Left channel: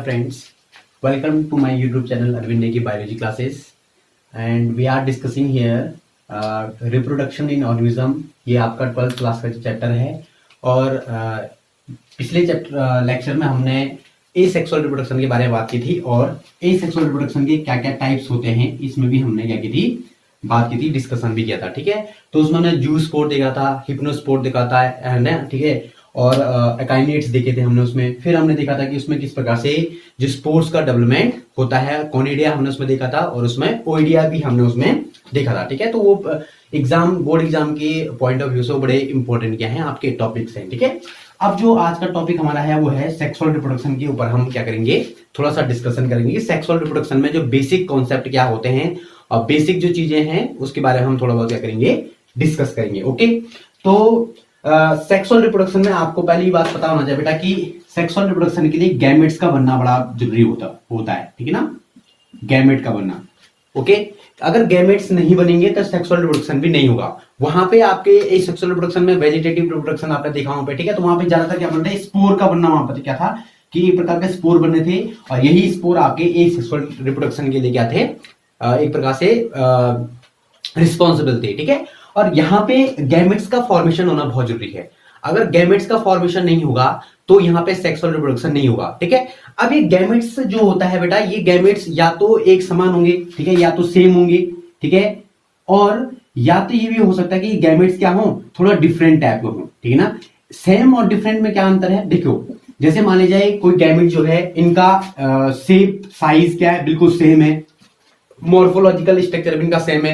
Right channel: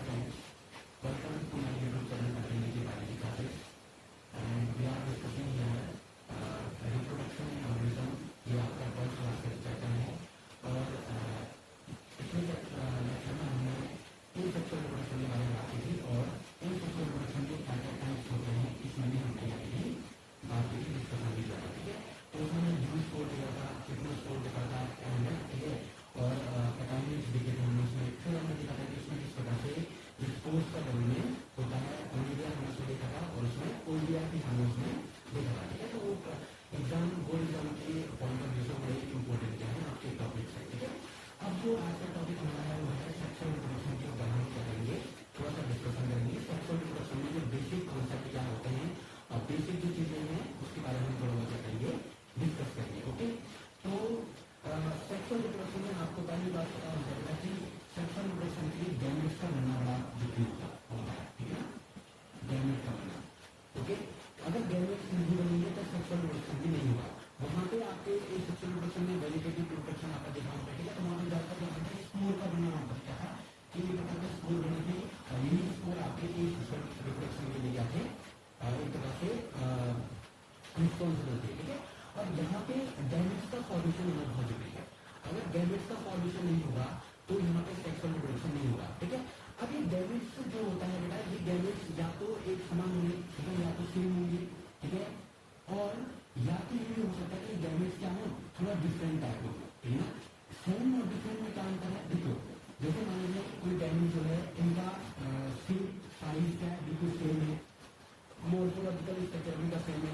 Hi friends, welcome to my YouTube channel Arvind Negi Biology Classes and we are discussing here reproduction in organism। ये आपका 12th class का chapter है और पिछले chapter lecture में हमने एसेक्सुअल रिप्रोडक्शन के बारे में बात की थी और एसेक्सुअल रिप्रोडक्शन के क्या क्या टाइप्स होते हैं इसमें भी हमने क्या की थी, बात की थी, डिस्कशन भी किया था। ठीक है, तो उसमें हमने जू स्पोर देखा था, हिप्नोस्पोर देखा था, है ना। ठीक है, और अकाइनेट्स देखे थे हमने उसमें। फिर हमने देखा था कि उसमें किस प्रकार से जो स्पोर्स का डेवलपमेंट होता है, कॉनिडिया हमने उसमें देखा था और उसमें ओइडिया भी हमने उसमें देखा था। ठीक है, तो वो बोर्ड एग्जाम के पॉइंट ऑफ व्यू से बड़े इंपॉर्टेंट क्या है, आपके टॉपिक्स हैं। ठीक है, अब जो आज का टॉपिक हमारा है वो है सेक्सुअल रिप्रोडक्शन के ऊपर हम क्या करेंगे, थोड़ा सा डिस्कशन करेंगे कि सेक्सुअल रिप्रोडक्शन में जो बेसिक कॉन्सेप्ट क्या होते हैं और बेसिक जो चीजें हैं उसके बारे में हम थोड़ा बहुत क्या करेंगे, डिस्कस करेंगे। ओके, तो सेक्सुअल रिप्रोडक्शन में आपको पहली बात पता होना चाहिए बेटा कि सेक्सुअल रिप्रोडक्शन के लिए गैमेट्स का बनना बड़ा जरूरी होता है। ठीक है ना, गैमेट का बनना। ओके, अगर गैमेट्स नहीं बनेंगे तो सेक्सुअल रिप्रोडक्शन भी नहीं होगा। वहां पे आपके सेक्सुअल रिप्रोडक्शन में वेजिटेटिव रिप्रोडक्शन आपने देखा वहां पे। ठीक है, तो वहां पे ज्यादातर क्या बनता है, स्पोर का बनना। वहां पर क्या था कि एक प्रकार के स्पोर बने थे और यही स्पोर आपके एक सेक्सुअल रिप्रोडक्शन के लिए क्या थे, एक प्रकार से रिस्पॉन्सिबल थे। ठीक है, और यहाँ पे गैमेट्स का फॉर्मेशन होना बहुत जरूरी है। अगर गैमेट्स का फॉर्मेशन नहीं होगा तो यहाँ पे सेक्सुअल रिप्रोडक्शन नहीं होगा। ठीक है, अब ये गैमेट्स जो होता है बेटा, ये गैमेट्स या तो एक समान होंगे, ठीक है, या तो सेम होंगे। ठीक है, और या तो ये भी हो सकता है कि गैमेट्स क्या हो, थोड़ा डिफरेंट टाइप में हो। ठीक है ना, सेम और डिफरेंट में क्या अंतर है, देखो जैसे मान लीजिए जाए कोई गैमेट जो है, इनका शेप साइज क्या है, बिल्कुल सेम है, मॉर्फोलॉजिकल स्ट्रक्चर भी इनका सेम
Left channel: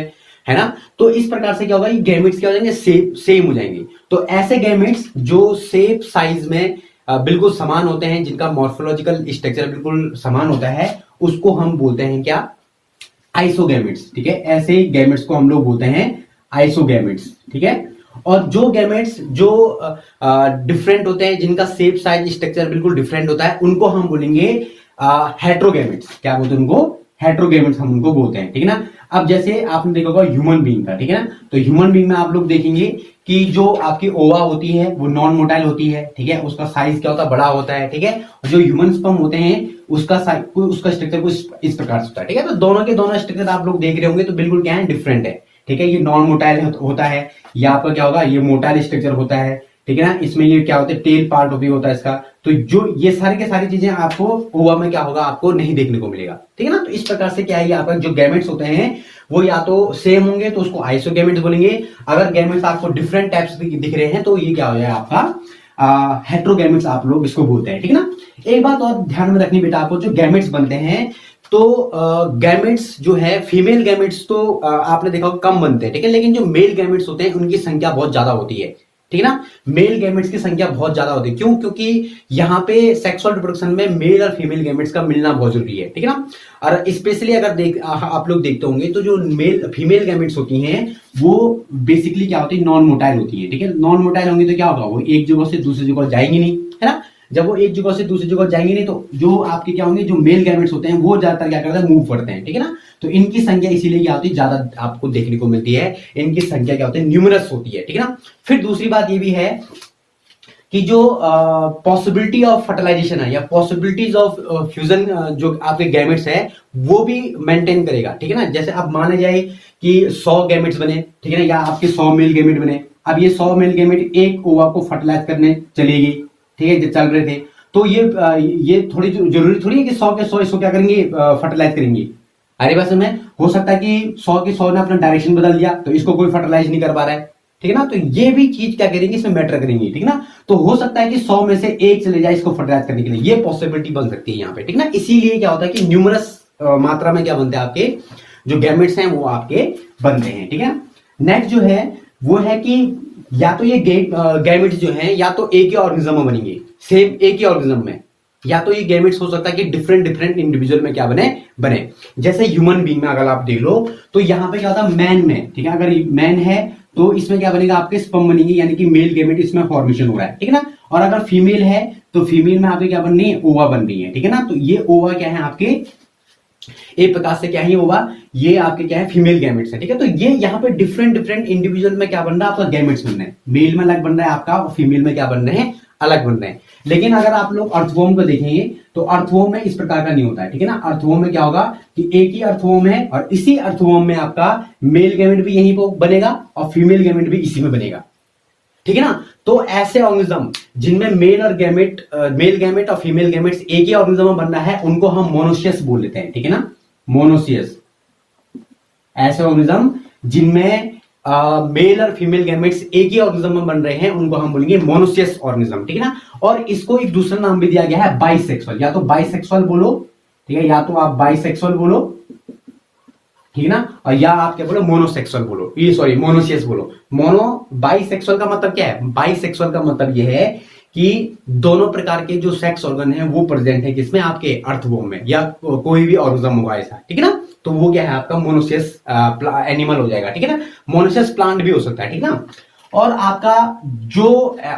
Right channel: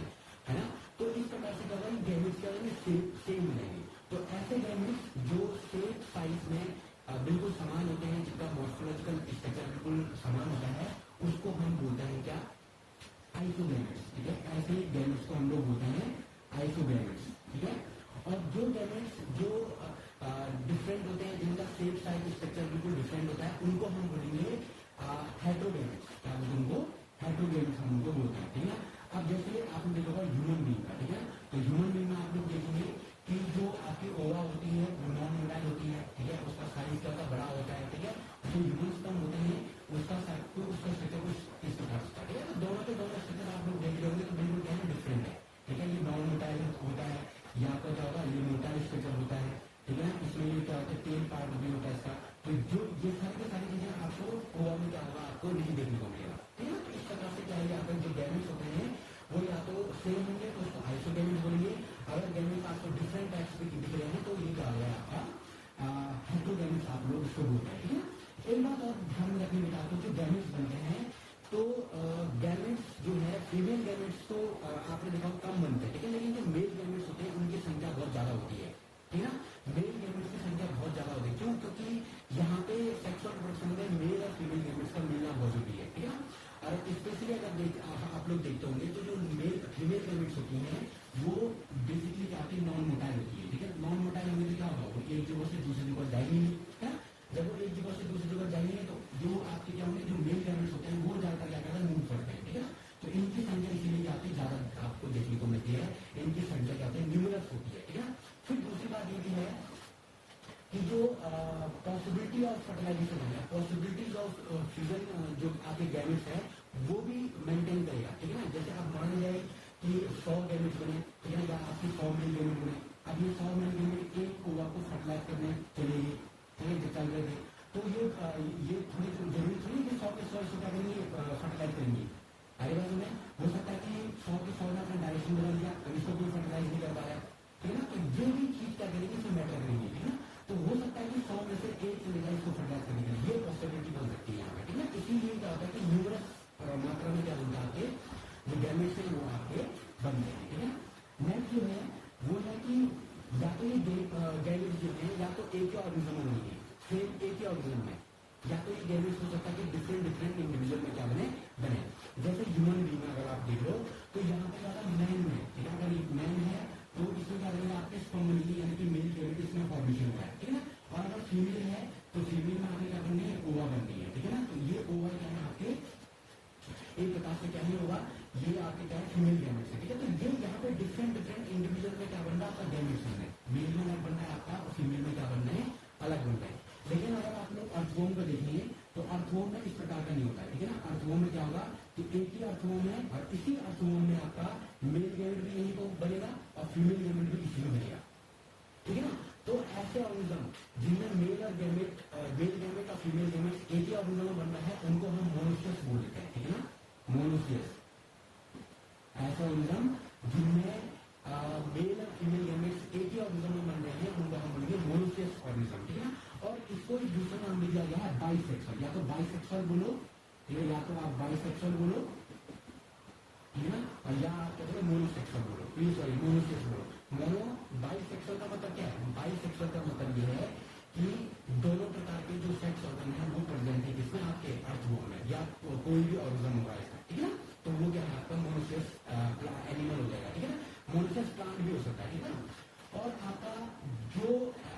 है ना। तो इस प्रकार से क्या होगा, ये गैमेट्स क्या हो जाएंगे, सेम हो जाएंगे। तो ऐसे गैमेट्स जो शेप साइज में बिल्कुल समान होते हैं, जिनका मॉर्फोलॉजिकल स्ट्रक्चर बिल्कुल समान होता है, उसको हम बोलते हैं क्या, आइसोगैमेट्स। ठीक है, ऐसे गैमेट्स को हम लोग बोलते हैं आइसोगैमेट्स। ठीक है, और जो गैमेट्स जो डिफरेंट होते हैं, जिनका शेप साइज स्ट्रक्चर बिल्कुल डिफरेंट होता है, उनको हम बोलेंगे हेट्रोगैमेट्स। क्या बोलते हैं उनको, हेट्रोगैमेट्स हम उनको बोलते हैं। ठीक है ना, अब जैसे आपने देखा होगा ह्यूमन बीइंग का, ठीक है ना, तो ह्यूमन बीइंग में आप लोग देखेंगे कि जो आपकी ओवा होती है वो नॉन मोटाइल होती है। ठीक है, उसका साइज क्या होता है, बड़ा होता है। ठीक है, जो ह्यूमन स्पर्म होते हैं उसका स्ट्रक्चर कुछ इस प्रकार से होता है। ठीक है, तो दोनों के दोनों स्ट्रक्चर आप लोग देख रहे होंगे तो बिल्कुल क्या है, डिफरेंट है। ठीक है, ये नॉन मोटाइल होता है, या आपका क्या होगा, ये मोटाइल स्ट्रक्चर होता है। ठीक है ना, इसमें ये क्या होता है, टेल पार्ट भी होता है इसका। तो जो ये सारी के सारी चीजें आपको ओवा में क्या होगा, आपको नहीं देखने को मिलेगा। ठीक है ना, तो इस प्रकार से क्या है, आपका जो गैमेट्स होते हैं वो या तो सेम होंगे तो उसको आइसोगैमेट्स बोलेंगे। अगर गैमेट्स आपको डिफरेंट टाइप्स दिख रहे हैं तो ये क्या हो जाएगा, आपका हेट्रोगैमेट्स आप लोग इसको बोलते हैं। ठीक है ना, एक बात और ध्यान में रखनी बेटा, आपको जो गैमेट्स बनते हैं तो गैमेट्स जो है, फीमेल गैमेट्स तो आपने देखा कम बनते हैं। ठीक है, लेकिन जो मेल गैमेट्स होते हैं उनकी संख्या बहुत ज्यादा होती है। ठीक है ना, मेल गैमेट्स की संख्या बहुत ज्यादा होती है। क्यों, क्योंकि यहाँ पे सेक्सुअल रिप्रोडक्शन में मेल और फीमेल गैमेट्स का मिलना बहुत जरूरी है। ठीक है ना, और स्पेशली अगर आप लोग देखते होंगे तो जो फीमेल गैमेट्स होती हैं वो बेसिकली क्या होती है, नॉन मोटाइल होती है। ठीक है, नॉन मोटाइल होंगी तो क्या होगा, वो एक जगह से दूसरी जगह जाएंगी नहीं, है ना। जब वो एक जगह से दूसरी जगह जाएंगे नहीं तो जो आपके क्या होंगे, जो मेल गैमेट्स होते हैं वो ज्यादातर क्या करते हैं, मूव करते हैं। ठीक है ना, तो इनकी संख्या इसीलिए क्या होती है, ज्यादा आपको देखने को मिलती है, इनकी संख्या क्या होती है, न्यूमरस होती है। ठीक है ना, फिर दूसरी बात ये भी है कि जो पॉसिबिलिटी ऑफ फर्टिलाइजेशन है या पॉसिबिलिटीज ऑफ फ्यूजन जो आपके गैमेट्स है वो भी मेंटेन करेगा। ठीक है ना, जैसे अब माना जाए कि 100 गैमेट्स बने, ठीक है ना, या आपके 100 मेल गैमेट बने। अब ये 100 मेल गैमेट एक ओवा को फर्टिलाइज करने चलेगी, ठीक है, जो चल रहे थे, तो ये थोड़ी जरूरी थोड़ी है कि 100 के 100 इसको क्या करेंगे, फर्टिलाइज करेंगे। अरे बस में हो सकता है कि 100 के 100 ने अपना डायरेक्शन बदल दिया तो इसको कोई फर्टिलाइज नहीं कर पा रहा है। ठीक है ना, तो ये भी चीज क्या करेंगे, इसमें मैटर करेंगी। ठीक है ना, तो हो सकता है कि 100 में से एक चले जाए इसको फर्टिलाइज करने के लिए, ये पॉसिबिलिटी बन सकती है यहाँ पे। ठीक है ना, इसीलिए क्या होता है कि न्यूमरस मात्रा में क्या बनते हैं, आपके जो गैमेट्स हैं वो आपके बनते हैं। ठीक है, नेक्स्ट जो है वो है कि या तो ये गैमेट्स जो हैं या तो एक ही ऑर्गेनिज्म में बनेंगे, सेम एक ही ऑर्गेनिज्म में, या तो ये गैमेट्स हो सकता है कि डिफरेंट इंडिविजुअल में क्या बने। जैसे ह्यूमन बीइंग में अगर आप देख लो तो यहाँ पे क्या होता है, मैन में, ठीक है, अगर मैन है तो इसमें क्या बनेगा, आपके स्पर्म बनेंगे, यानी कि मेल गैमेट इसमें फॉर्मेशन हो रहा है। ठीक है ना, और अगर फीमेल है तो फीमेल में आपके क्या बन रही है, ओवा बन रही है। ठीक है ना, तो ये ओवा क्या है आपके, एक प्रकार से क्या है ओवा, ये आपके क्या है, फीमेल गैमेट्स है। ठीक है, तो ये यहाँ पे डिफरेंट इंडिविजुअल में क्या बन रहा है, आपका गैमेट्स बन रहे हैं, मेल में अलग बन रहा है आपका और फीमेल में क्या बन रहे हैं, अलग बन रहे हैं। लेकिन अगर आप लोग अर्थवॉर्म को देखेंगे तो अर्थवॉर्म में इस प्रकार का नहीं होता है, ठीक है ना। अर्थवॉर्म में क्या होगा कि एक ही अर्थवॉर्म है और इसी अर्थवॉर्म में आपका मेल गैमेट भी यहीं पर बनेगा और फीमेल गैमेट भी इसी में बनेगा, ठीक है ना। तो ऐसे ऑर्गेनिज्म जिनमें मेल गैमेट और फीमेल गैमेट्स एक ही ऑर्गेनिज्म में बन रहा है उनको हम मोनोसियस बोल लेते हैं, ठीक है ना, मोनोसियस। ऐसे ऑर्गेनिज्म जिनमें मेल और फीमेल गैमेट्स एक ही ऑर्गेनिज्म में बन रहे हैं उनको हम बोलेंगे मोनोसियस ऑर्गेनिज्म, ठीक है ना। और इसको एक दूसरा नाम भी दिया गया है बाइसेक्सुअल, या तो बाइसेक्सुअल बोलो, ठीक है, या तो आप बाइसेक्सुअल बोलो, ठीक है ना, और या आप क्या बोलो मोनोसेक्सुअल बोलो, ये सॉरी मोनोसियस बोलो। बाइसेक्सुअल का मतलब क्या है? बाइसेक्सुअल का मतलब ये है कि दोनों प्रकार के जो सेक्स ऑर्गन है वो प्रेजेंट है किसमें? आपके अर्थवॉर्म में, या कोई भी ऑर्गेनिज्म होगा ऐसा, ठीक है ना। तो वो क्या है आपका मोनोसियस एनिमल हो जाएगा, ठीक है ना। मोनोसियस प्लांट भी हो सकता है, ठीक है ना। और आपका जो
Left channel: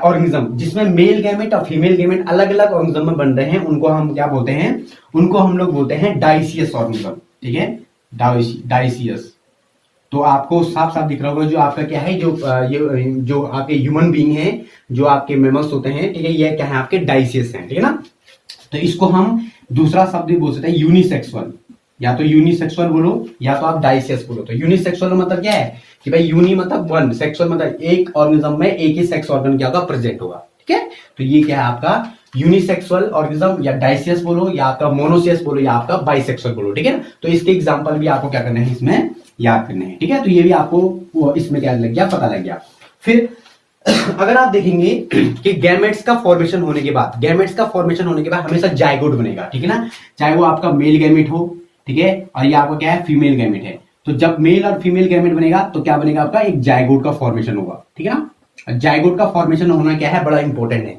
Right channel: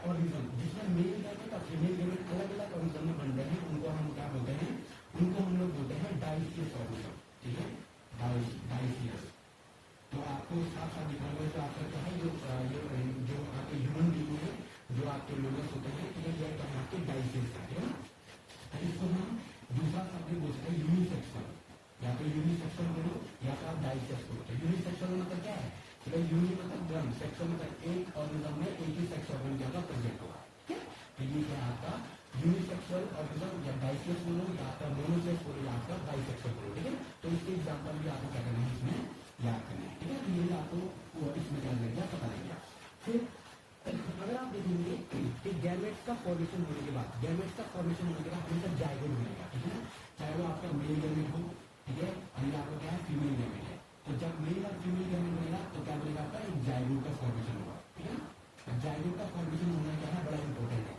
ऑर्गेनिज्म जिसमें मेल गैमेट और फीमेल गैमेट अलग अलग ऑर्गेनिज्म में बन रहे हैं उनको हम क्या बोलते हैं? उनको हम लोग बोलते हैं डाइसियस ऑर्गेनिज्म, ठीक है, डाइसियस। तो आपको साफ साफ दिख रहा होगा जो आपका क्या है, ये जो आपके ह्यूमन बीइंग है, जो आपके मेमल्स होते हैं, ठीक है, ये क्या है आपके डाइसियस हैं, ठीक है ना। तो इसको हम दूसरा शब्द भी बोल सकते हैं यूनिसेक्सुअल, या तो यूनिसेक्सुअल बोलो या तो आप डाइसियस बोलो। तो यूनिसेक्सुअल मतलब क्या है कि भाई यूनि मतलब वन, सेक्सुअल मतलब एक ऑर्गेनिज्म में एक ही सेक्स ऑर्गन क्या होगा? प्रेजेंट होगा, ठीक है। तो ये क्या है आपका यूनिसेक्सुअल ऑर्गेनिज्म, या डाइसियस बोलो या आपका मोनोसियस बोलो या आपका बाइसेक्सुअल बोलो, ठीक है ना। तो इसके एग्जांपल भी आपको क्या करना है इसमें याद करने हैं, ठीक है। तो ये भी आपको इसमें क्या लग गया? पता लग गया। फिर अगर आप देखेंगे कि गैमेट्स का फॉर्मेशन होने के बाद, हमेशा जायगोट बनेगा, ठीक है ना, चाहे वो आपका मेल गैमेट हो, ठीक है, और ये आपका क्या है? फीमेल गैमेट है। तो जब मेल और फीमेल गैमेट बनेगा तो क्या बनेगा आपका? एक जायगोट का फॉर्मेशन होगा, ठीक है ना। जायगोट का फॉर्मेशन होना क्या है? बड़ा इंपॉर्टेंट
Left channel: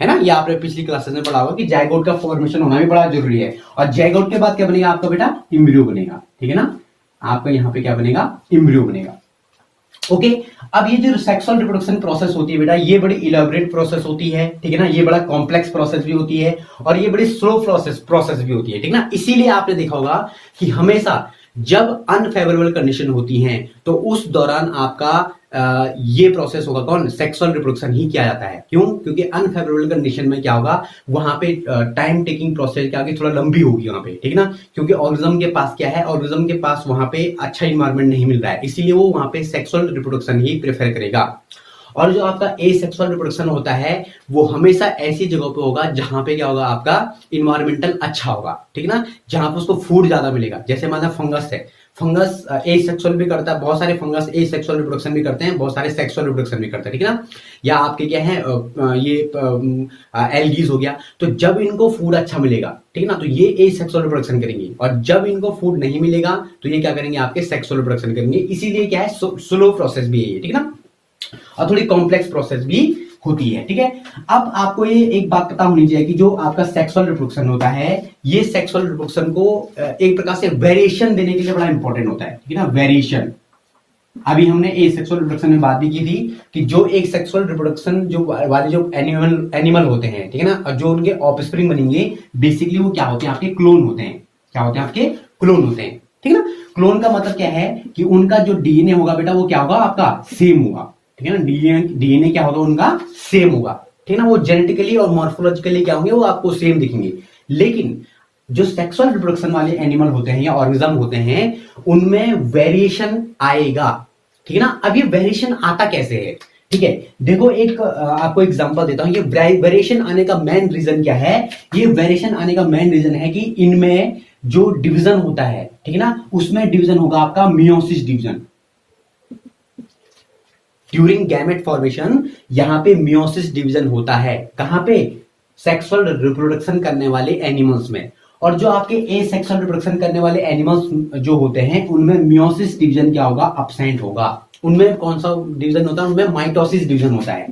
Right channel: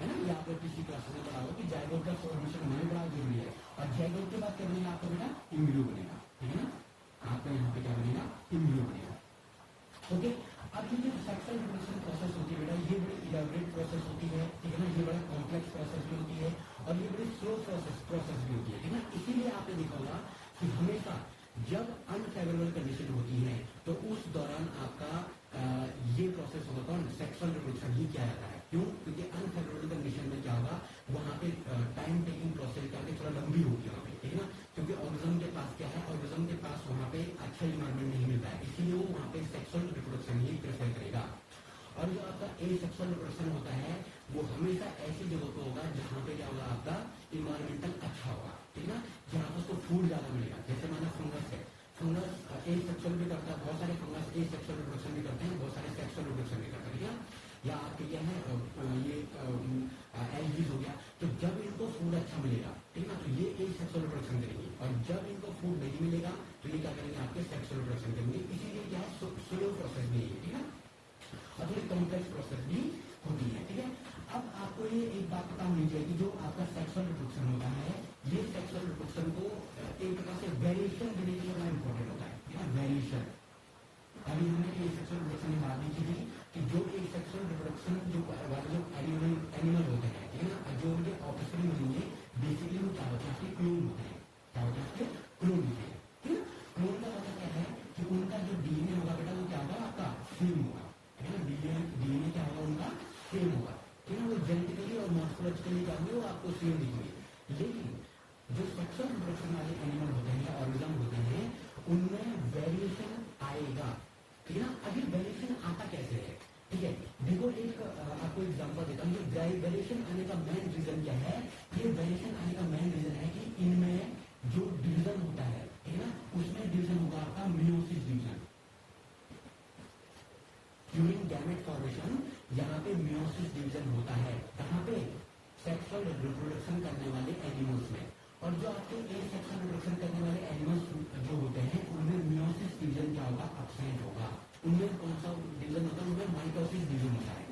है ना। ये आपने पिछली क्लासेस में पढ़ा होगा कि जायगोट का फॉर्मेशन होना भी बड़ा जरूरी है। और जायगोट के बाद क्या बनेगा आपका बेटा? एम्ब्रियो बनेगा, ठीक है ना। आपका यहाँ पे क्या बनेगा? एम्ब्रियो बनेगा। ओके, अब ये जो सेक्सुअल रिप्रोडक्शन प्रोसेस होती है बेटा, ये बड़ी इलेबोरेट प्रोसेस होती है, ठीक है ना। ये बड़ा कॉम्प्लेक्स प्रोसेस भी होती है और ये बड़ी स्लो प्रोसेस भी होती है, ठीक है ना। इसीलिए आपने देखा होगा कि हमेशा जब अनफेवरेबल कंडीशन होती हैं तो उस दौरान आपका ये प्रोसेस होगा कौन? सेक्सुअल रिप्रोडक्शन ही किया जाता है। क्यों? क्योंकि अनफेवरेबल कंडीशन में क्या होगा? वहां पे टाइम टेकिंग प्रोसेस क्या होगी? थोड़ा लंबी होगी वहां पे, ठीक है ना। क्योंकि ऑर्गेनिज्म के पास क्या है? ऑर्गेनिज्म के पास वहां पे अच्छा इन्वायरमेंट नहीं मिल रहा है, इसीलिए वो वहां पे सेक्सुअल रिप्रोडक्शन ही प्रेफर करेगा। और जो आपका एसेक्सुअल रिप्रोडक्शन होता है वो हमेशा ऐसी जगह पे होगा जहां पे क्या होगा? आपका इन्वायरमेंटल अच्छा होगा, ठीक है ना, जहां पे उसको फूड ज्यादा मिलेगा। जैसे मान फंगस है, फंगस एसेक्सुअल भी करता है, बहुत सारे फंगस एसेक्सुअल रिप्रोडक्शन भी करते हैं, बहुत सारे सेक्सुअल रिप्रोडक्शन भी करते हैं, ठीक है ना। या आपके क्या है ये एल्गीज हो गया। तो जब इनको फूड अच्छा मिलेगा, ठीक है ना, तो ये एसेक्सुअल रिप्रोडक्शन करेंगी, और जब इनको फूड नहीं मिलेगा तो ये क्या करेंगे? आपके सेक्सुअल रिप्रोडक्शन करेंगे। इसीलिए क्या है? स्लो प्रोसेस भी है ये, ठीक है ना, और थोड़ी कॉम्प्लेक्स प्रोसेस भी होती है, ठीक है। अब आपको ये एक बात पता होनी चाहिए कि जो आपका सेक्सुअल रिप्रोडक्शन होता है, ये सेक्सुअल रिप्रोडक्शन को एक प्रकार से वेरिएशन देने के लिए बड़ा इंपॉर्टेंट होता है, ठीक है ना, वेरिएशन। अभी हमने ए सेक्सुअल रिप्रोडक्शन में बात भी की थी कि जो एक सेक्सुअल रिप्रोडक्शन जो वाले जो एनिमल होते हैं, ठीक है ना, और जो उनके ऑफस्प्रिंग बनेंगे बेसिकली वो क्या होते हैं? आपके क्लोन होते हैं। क्या होते हैं? आपके क्लोन होते हैं, ठीक है ना। क्लोन का मतलब क्या है कि उनका जो डीएनए होगा बेटा वो क्या होगा? आपका सेम होगा, ठीक है ना। डीएनए क्या होगा? उनका सेम होगा, ठीक है ना। वो जेनेटिकली और मॉर्फोलॉजिकली क्या होंगे? वो आपको सेम दिखेंगे। लेकिन जो सेक्सुअल रिप्रोडक्शन वाले एनिमल होते हैं या ऑर्गेनिज्म होते हैं उनमें वेरिएशन आएगा, ठीक है ना। अब ये वेरिएशन आता कैसे है? ठीक है, देखो एक आपको एग्जांपल देता हूं। ये वेरिएशन आने का मेन रीजन क्या है? ये वेरिएशन आने का मेन रीजन है कि इनमें जो डिवीजन होता है, ठीक है ना, उसमें डिवीजन होगा आपका meiosis division. During gamete formation यहां पे मियोसिस डिवीजन होता है। कहां पे? सेक्सुअल रिप्रोडक्शन करने वाले एनिमल्स में। और जो आपके एसेक्सुअल रिप्रोडक्शन करने वाले एनिमल्स जो होते हैं उनमें मियोसिस डिवीजन क्या होगा? अब्सेंट होगा। उनमें कौन सा डिवीजन होता है? उनमें माइटोसिस डिवीजन होता है,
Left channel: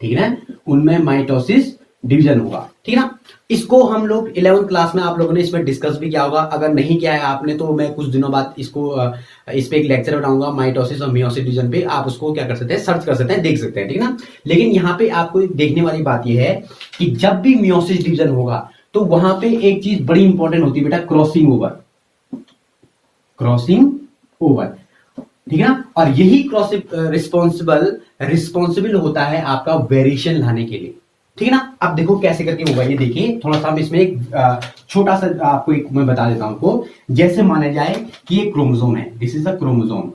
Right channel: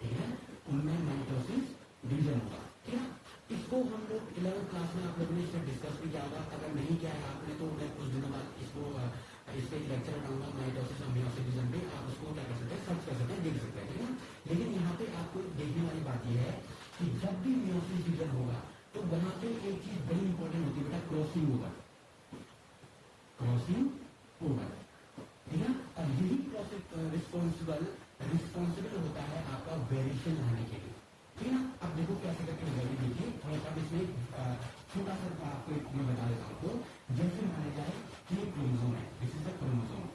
ठीक है ना, उनमें माइटोसिस डिवीजन होगा, ठीक है ना। इसको हम लोग 11th क्लास में आप लोगों ने इसमें डिस्कस भी किया होगा। अगर नहीं किया है आपने तो मैं कुछ दिनों बाद इसको इस पे एक लेक्चर बनाऊंगा माइटोसिस और मियोसिस डिवीजन पे। आप उसको क्या कर सकते हैं? सर्च कर सकते हैं, देख सकते हैं, ठीक है ना। लेकिन यहाँ पे आपको देखने वाली बात यह है कि जब भी मियोसिस डिवीजन होगा तो वहां पे एक चीज बड़ी इंपॉर्टेंट होती है बेटा, क्रॉसिंग ओवर। क्रॉसिंग ओवर, ठीक है ना। और यही क्रॉसिंग रिस्पॉन्सिबल होता है आपका वेरिएशन लाने के लिए, ठीक है ना। अब देखो कैसे करके होगा ये, देखिए थोड़ा सा हम इसमें एक छोटा सा आपको एक मैं बता देता हूं आपको। जैसे माना जाए कि ये क्रोमोसोम है, दिस इज अ क्रोमोसोम,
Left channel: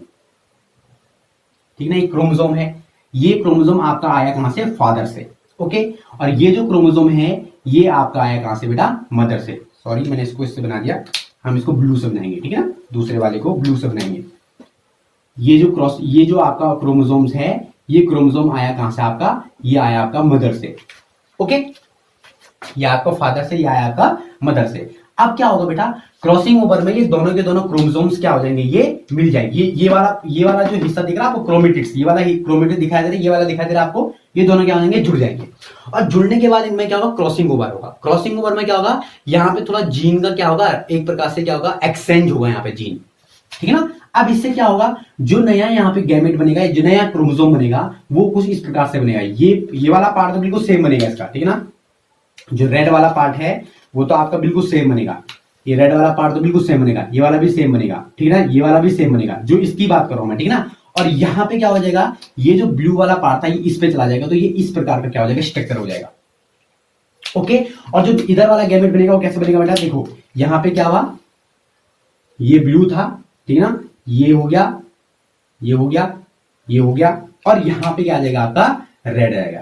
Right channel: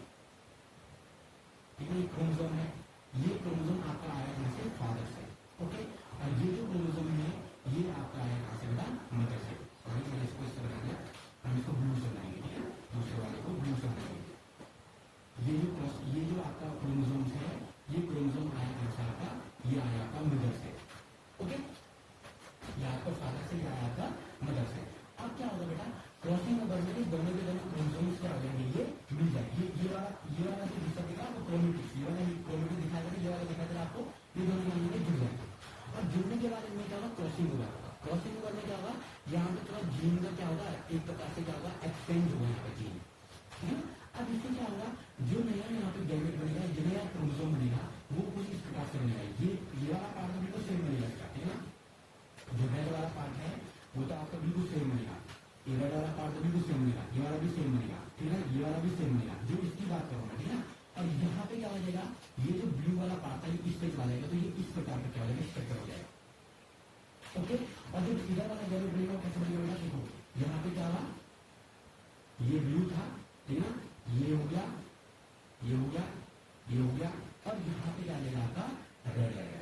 ठीक है ना, ये क्रोमोसोम है। ये क्रोमोसोम आपका आया कहां से, फादर से, ओके। और ये जो क्रोमोसोम है ये आपका आया कहां से बेटा, मदर से। सॉरी मैंने इसको इससे बना दिया, हम इसको ब्लू से बनाएंगे, ठीक है ना, दूसरे वाले को ब्लू से बनाएंगे। ये जो आपका क्रोमोसोम्स है, ये क्रोमोसोम आया कहां से आपका, ये आया आपका मदर से, ओके। ये आपका फादर से, ये आया आपका मदर से। अब क्या होगा बेटा, क्रॉसिंग ओवर में ये दोनों के दोनों क्रोमोसोम्स क्या हो जाएंगे, ये मिल जाएंगे। ये वाला जो हिस्सा दिख रहा है आपको क्रोमेटिड्स, ये वाला क्रोमेटिड दिखाई दे रहा है, ये वाला दिखाई दे रहा है आपको, ये दोनों क्या हो जाएंगे, जुड़ जाएंगे। और जुड़ने के बाद इनमें क्या होगा, क्रॉसिंग ओवर होगा। क्रॉसिंग ओवर में क्या होगा, यहाँ पे थोड़ा जीन का क्या होगा, एक प्रकार से क्या होगा, एक्सचेंज होगा यहाँ पे जीन, ठीक है ना। अब इससे क्या होगा, जो नया यहाँ पे गैमेट बनेगा, जो नया क्रोमोसोम बनेगा वो कुछ इस प्रकार से बनेगा। ये वाला पार्ट तो बिल्कुल सेम बनेगा इसका, ठीक है ना। जो रेड वाला पार्ट है वो तो आपका बिल्कुल सेम बनेगा, ये रेड वाला पार्ट तो बिल्कुल सेम बनेगा, ये वाला भी सेम बनेगा, ठीक है ना, ये वाला भी सेम बनेगा, जो इसकी बात कर रहा हूं मैं, ठीक है ना। और यहाँ पे क्या हो जाएगा, ये जो ब्लू वाला पार्ट था ये इस पे चला जाएगा, तो ये इस प्रकार का क्या हो जाएगा, स्ट्रक्चर हो जाएगा, ओके। और जो इधर वाला गैमेट बनेगा वो कैसे बनेगा बेटा, देखो यहाँ पे क्या हुआ, ये ब्लू था, ठीक है ना, ये हो गया, ये हो गया, ये हो गया, और यहाँ पे क्या आ जाएगा आपका, रेड आएगा,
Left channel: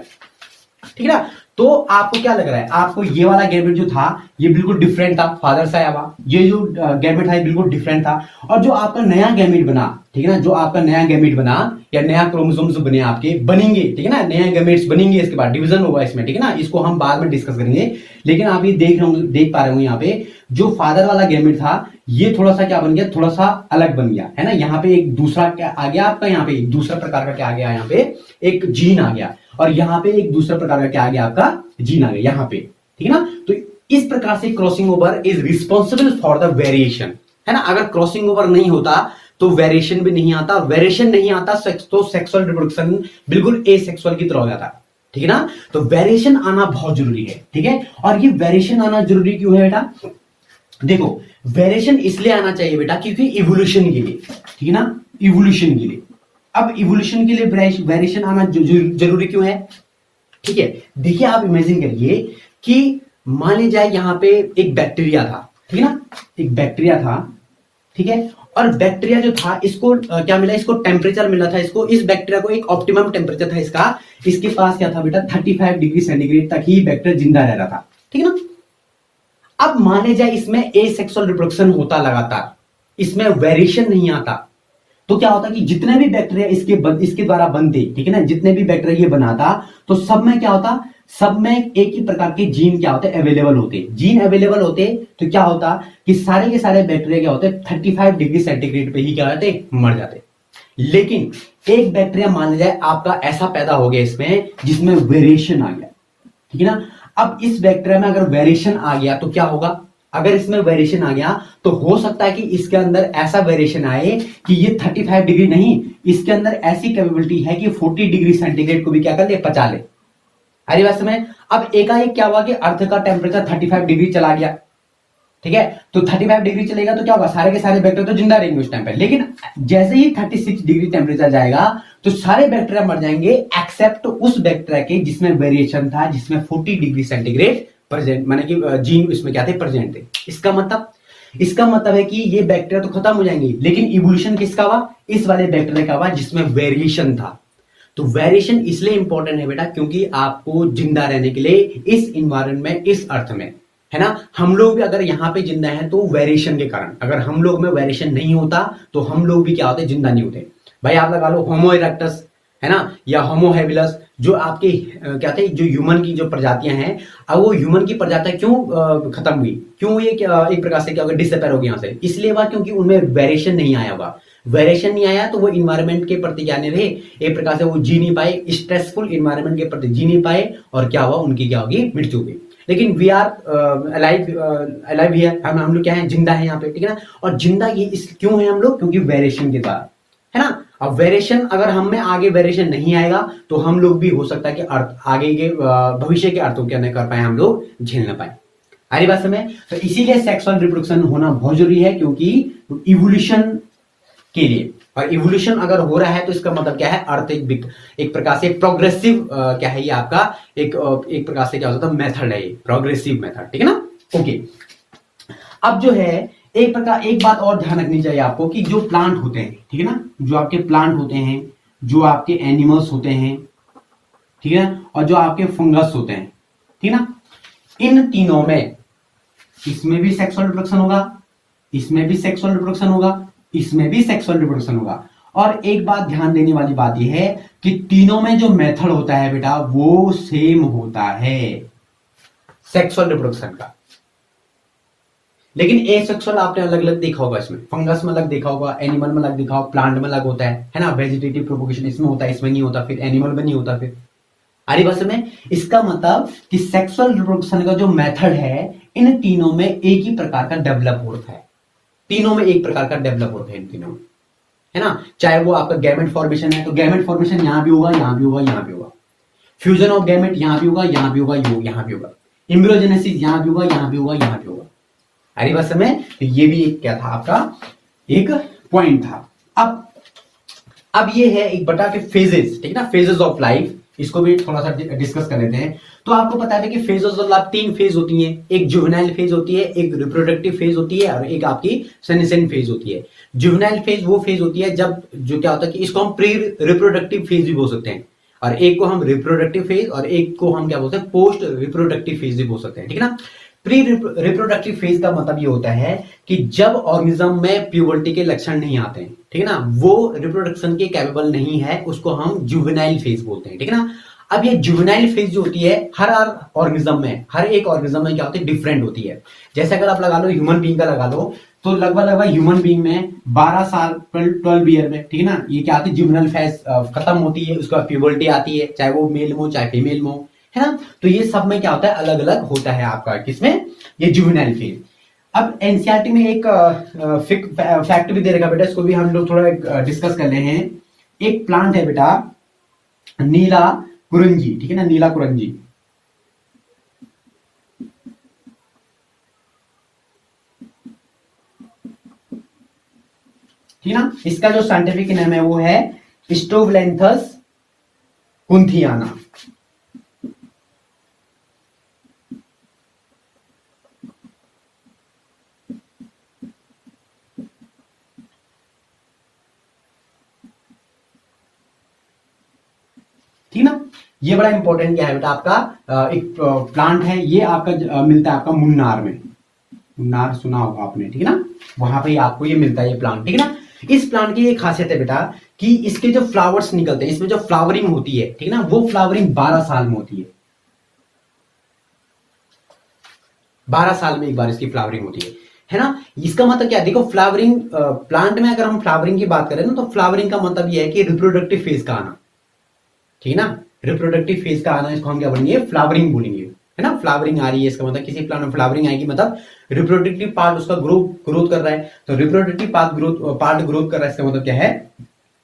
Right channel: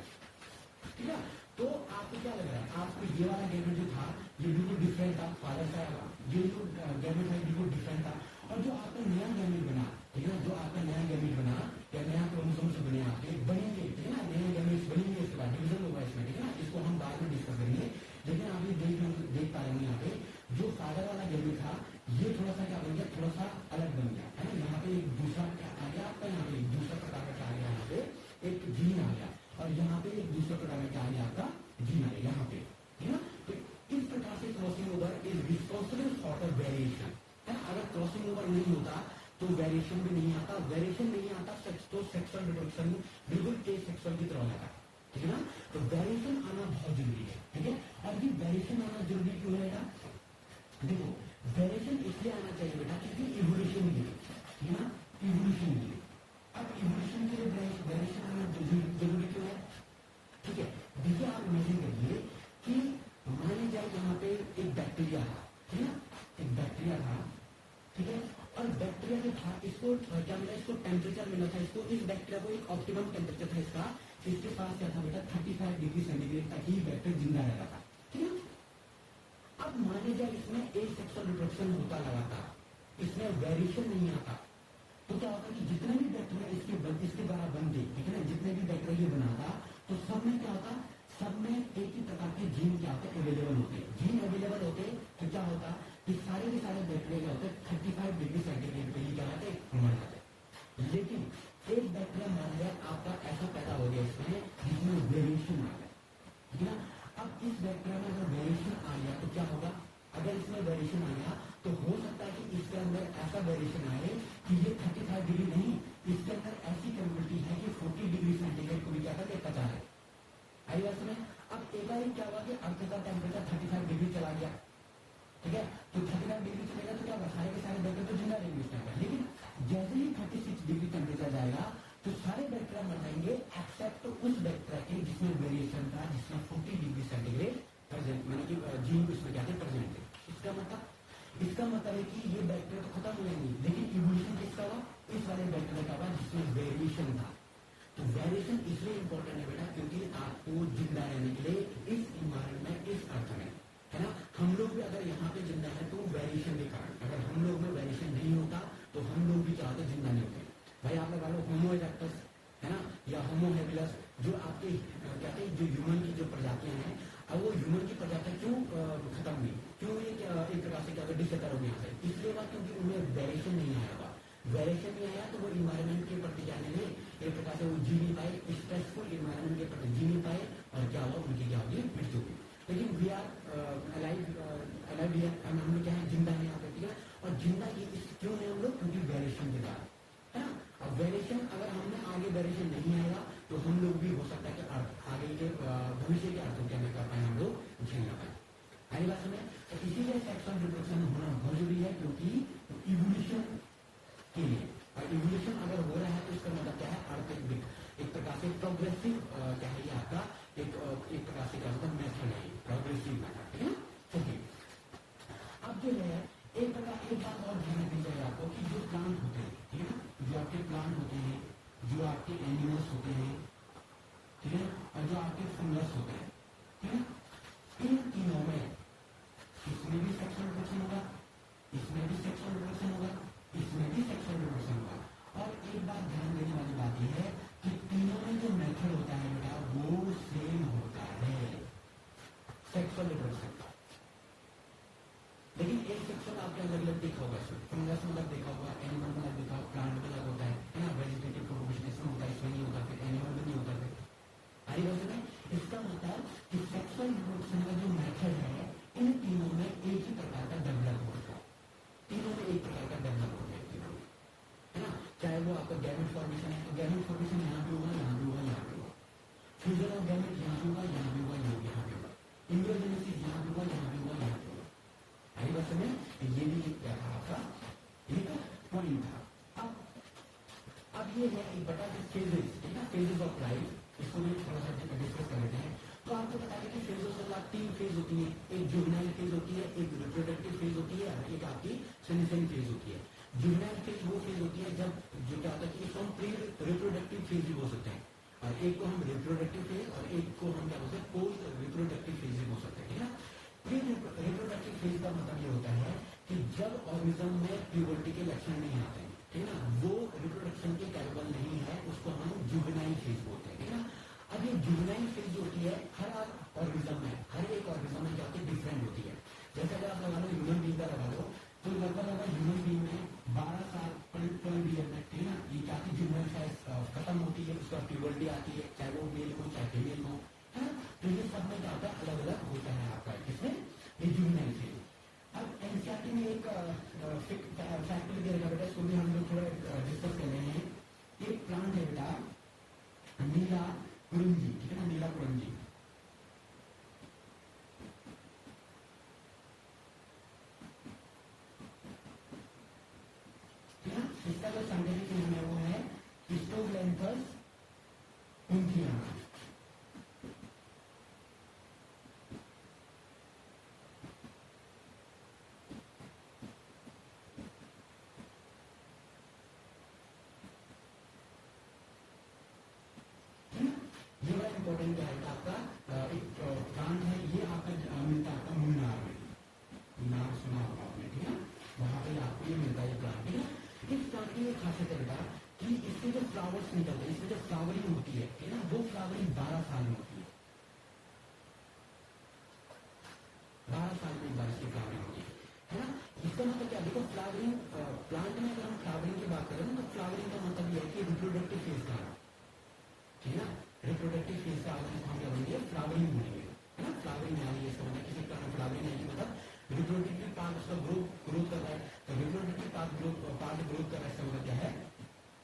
ठीक है ना। तो आपको क्या लग रहा है, आपको ये वाला गैमेट जो था ये बिल्कुल डिफरेंट था, फादर से आया हुआ, ये जो गैमेट था ये बिल्कुल डिफरेंट था। और जो आपका नया गैमेट बना, ठीक है ना, जो आपका नया गैमेट बना या नया क्रोमोसोम्स बने आपके बनेंगे, ठीक है ना, नए गैमेट्स बनेंगे, इसके बाद डिवीजन होगा इसमें, ठीक है ना, इसको हम बाद में डिस्कस करेंगे। लेकिन आप ये देख पा रहे हो यहाँ पे जो फादर वाला गैमेट था ये थोड़ा सा क्या बन गया, थोड़ा सा अलग बन गया, है ना। यहाँ पे एक दूसरा क्या आ गया आपका, यहाँ पे एक दूसरा प्रकार का क्या आ गया, यहाँ पे एक जीन आ गया, और यहाँ पे एक दूसरा प्रकार का क्या आ गया, आपका जीन आ गया यहाँ पे, ठीक है ना। तो इस प्रकार से crossing over is responsible for the variation, है ना। अगर क्रॉसिंग ओवर नहीं होता तो वेरिएशन भी नहीं आता, और वेरिएशन नहीं आता तो सेक्सुअल रिप्रोडक्शन बिल्कुल एसेक्सुअल की तरह हो जाता, ठीक है ना। तो वेरिएशन आना बहुत जरूरी है, ठीक है। और ये वेरिएशन आना जरूरी क्यों है बेटा, देखो वेरिएशन इसलिए आना चाहिए बेटा क्योंकि इवोल्यूशन के लिए, ठीक है ना, इवोल्यूशन के लिए। अब इवोल्यूशन के लिए वेरिएशन आना जरूरी क्यों है, ठीक है। देखिए आप इमेजिन करिए कि मान लीजिए यहां पे एक बैक्टीरिया था, ठीक है ना, एक बैक्टीरिया था, ठीक है। और बैक्टीरिया जो था इसको क्या मिला, इसको टेम्परेचर मिला था, इसको इस बैक्टीरिया को एक ऑप्टिमम टेम्परेचर था इसका, इसके पास क्या था बेटा 35 डिग्री सेंटीग्रेड तक ही बैक्टीरिया जिंदा रह रहा था, ठीक है ना। अब माने जाए इसमें एसेक्सुअल रिप्रोडक्शन होता लगातार, इसमें वेरिएशन नहीं आता, तो क्या होता कि जितने भी बैक्टीरिया इसके द्वारा बनते, ठीक है ना, जितने भी बैक्टीरिया ये बनाता तो सब में क्या होता, सब में एक ही प्रकार के जीन क्या होते, अवेलेबल होते। जीन अवेलेबल होते तो क्या होता कि सारे के सारे बैक्टीरिया क्या होते 35 डिग्री सेंटीग्रेड पे ही क्या होते, मर जाते। लेकिन एक बैक्टीरिया मान जाए आपका ऐसा पैदा हो गया इसमें जिसमें वेरिएशन आ गया, ठीक है ना। अब इस बैक्टीरिया में अगर वेरिएशन आ गया तो क्या होगा, अगर इसमें वेरिएशन आ गया तो हो सकता है कि इसके अंदर ऐसा वेरिएशन आए कि ये 35 डिग्री नहीं, इसके अंदर ऐसी कैपेबिलिटी है कि 40 डिग्री सेंटीग्रेड को भी क्या कर ले, पचा ले। अरे बात समझ। अब एकाएक क्या हुआ कि अर्थ का टेम्परेचर 35 डिग्री चला गया, ठीक है। तो 35 डिग्री चलेगा तो क्या होगा, सारे के सारे बैक्टीरिया तो जिंदा रहेंगे उस टाइम पे, लेकिन जैसे ही 36 डिग्री टेम्परेचर जाएगा तो सारे बैक्टीरिया मर जाएंगे एक्सेप्ट उस बैक्टीरिया के जिसमें वेरिएशन था, जिसमें 40 डिग्री सेंटीग्रेड प्रेजेंट, माने कि जीन इसमें क्या थे, प्रेजेंट थे। इसका मतलब है कि ये बैक्टीरिया तो खत्म हो जाएंगे, लेकिन इवोल्यूशन किसका हुआ, इस वाले बैक्टीरिया का हुआ जिसमें वेरिएशन था। तो वेरिएशन इसलिए इंपॉर्टेंट है बेटा क्योंकि आपको जिंदा रहने के लिए इस इन्वायरमेंट में, इस अर्थ में, है ना। हम लोग भी अगर यहाँ पे जिंदा हैं तो वेरिएशन के कारण, अगर हम लोग में वेरिएशन नहीं होता तो हम लोग भी क्या होते, जिंदा नहीं होते। भाई आप लगा लो होमो इरेक्टस, है ना, या होमो हैबिलस, जो आपके क्या थे, जो ह्यूमन की जो प्रजातियां हैं, अब वो ह्यूमन की प्रजातियां क्यों खत्म हुई, क्यों ये एक प्रकार से क्या होगा, डिसअपेयर हो गई यहाँ से, इसलिए हुआ क्योंकि उनमें वेरिएशन नहीं आया होगा। वेरिएशन नहीं आया तो वो इन्वायरमेंट के प्रति क्या नहीं रहे, एक प्रकार से वो जी नहीं पाए, स्ट्रेसफुल इन्वायरमेंट के प्रति जी नहीं पाए, और क्या हुआ, उनकी क्या होगी, मृत्यु हुई। लेकिन वी आर अलाइव हियर, हम लोग क्या है, जिंदा है यहाँ पे, ठीक है ना। और जिंदा ये क्यों है हम लोग, क्योंकि वेरिएशन के द्वारा, है ना। अब वेरिएशन अगर हम में आगे वेरिएशन नहीं आएगा तो हम लोग भी हो सकता है कि अर्थ आगे के भविष्य के अर्थों क्या नहीं कर पाए, हम लोग झेल ना पाए। अरे बात समझ। तो इसीलिए सेक्सुअल रिप्रोडक्शन होना बहुत जरूरी है, क्योंकि इवोल्यूशन के लिए, और इवोल्यूशन अगर हो रहा है तो इसका मतलब क्या है, अर्थ एक प्रकार से प्रोग्रेसिव क्या है ये आपका एक प्रकार से क्या होता है मेथड है, ये प्रोग्रेसिव मेथड, ठीक है ना। ओके, अब जो है एक बात और ध्यान रखनी चाहिए आपको कि जो प्लांट होते हैं, ठीक है ना, जो आपके प्लांट होते हैं, जो आपके एनिमल्स होते हैं, ठीक है, और जो आपके फंगस होते हैं, ठीक है ना, इन तीनों में इसमें भी सेक्सुअल रिप्रोडक्शन होगा, इसमें भी सेक्सुअल रिप्रोडक्शन होगा, इसमें भी सेक्सुअल रिप्रोडक्शन होगा। और एक बात ध्यान देने वाली बात यह है कि तीनों में जो मेथड होता है बेटा वो सेम होता है सेक्सुअल रिप्रोडक्शन का। लेकिन एसेक्सुअल आपने अलग अलग देखा होगा, इसमें फंगस में अलग देखा होगा, एनिमल में अलग देखा होगा, प्लांट में अलग होता है ना, वेजिटेटिव प्रोपोगेशन इसमें होता है, इसमें नहीं होता, फिर एनिमल में नहीं होता। फिर आरी भाषा में इसका मतलब कि सेक्सुअल रिप्रोडक्शन का जो मेथड है इन तीनों में एक ही प्रकार का डेवलप होता है, तीनों में एक प्रकार का डेवलप होता है इन तीनों में, है ना। चाहे वो आपका गैमेट फॉर्मेशन है तो गैमेट फॉर्मेशन यहां भी होगा, यहां भी होगा, यहां भी होगा, फ्यूजन ऑफ गैमेट यहां भी होगा, यहां भी होगा, यहां भी होगा, एम्ब्रियोजेनेसिस यहां भी होगा, यहां भी होगा, यहां भी होगा। आरी भाषा में तो ये भी एक क्या था आपका एक पॉइंट था। अब ये है एक बटा के फेजेस, ठीक है ना, फेजेस ऑफ लाइफ, इसको भी थोड़ा सा डिस्कस कर लेते हैं। तो आपको पता है कि फेजेस ऑफ लाइफ 3 फेज होती हैं, एक जुवेनाइल फेज होती है, एक रिप्रोडक्टिव फेज होती है, और एक आपकी सेनेसेंट फेज होती है। जुवेनाइल फेज वो फेज होती है जब जो क्या होता है कि इसको हम प्री रिप्रोडक्टिव फेज भी बोल सकते हैं, और एक को हम रिप्रोडक्टिव फेज और एक को हम क्या बोलते हैं पोस्ट रिप्रोडक्टिव फेज भी बोल सकते हैं, ठीक है ना। प्री रिप्रोडक्टिव फेज का मतलब ये होता है कि जब ऑर्गेनिज्म में प्यूबर्टी के लक्षण नहीं आते हैं, ठीक है ना, वो रिप्रोडक्शन के कैपेबल नहीं है, उसको हम जुवेनाइल फेज बोलते हैं, ठीक है ना। अब ये जुवेनाइल फेज जो होती है हर ऑर्गेनिज्म में, हर एक ऑर्गेनिज्म में क्या होती है डिफरेंट होती है। जैसे अगर आप लगा लो ह्यूमन बीइंग का लगा लो तो लगभग ह्यूमन बीइंग में 12 साल 12 ईयर में, ठीक है ना, ये क्या आती है जुवेनाइल फेज खत्म होती है, उसके बाद प्यूबर्टी आती है, चाहे वो मेल हो चाहे फीमेल हो, है ना। तो ये सब में क्या होता है अलग अलग होता है आपका किसमें ये जुवेनाइल फेज। अब एनसीईआरटी में एक फैक्ट भी दे रखा बेटा, इसको भी हम लोग थोड़ा डिस्कस कर रहे हैं। एक प्लांट है बेटा नीला कुरंजी, ठीक है ना, नीला कुरंजी, ठीक है ना। इसका जो साइंटिफिक नेम है वो है स्टोवलेंथस कुंथियाना, ठीक ना। ये बड़ा इंपॉर्टेंट क्या है बेटा आपका एक प्लांट है, ये आपका मिलता है आपका मुन्नार में, मुन्नार सुना होगा आपने, ठीक है ना, वहां पे आपको ये मिलता है ये प्लांट, ठीक है ना। इस प्लांट की ये खासियत है बेटा कि इसके जो फ्लावर्स निकलते हैं, इसमें जो फ्लावरिंग होती है, ठीक है ना, वो फ्लावरिंग 12 साल में होती है, 12 साल में एक बार इसकी फ्लावरिंग होती है ना। इसका मतलब क्या है, देखो फ्लावरिंग प्लांट में अगर हम फ्लावरिंग की बात करें ना तो फ्लावरिंग का मतलब ये है कि रिप्रोडक्टिव फेज का आना, ठीक है ना, रिप्रोडक्टिव फेज का आना, इसको हम क्या बोलेंगे फ्लावरिंग बोलेंगे, है ना। फ्लावरिंग आ रही है इसका मतलब किसी प्लांट में फ्लावरिंग आएगी मतलब रिप्रोडक्टिव पार्ट उसका ग्रोथ कर रहा है, तो रिप्रोडक्टिव पार्ट ग्रोथ कर रहा है, इसका मतलब क्या है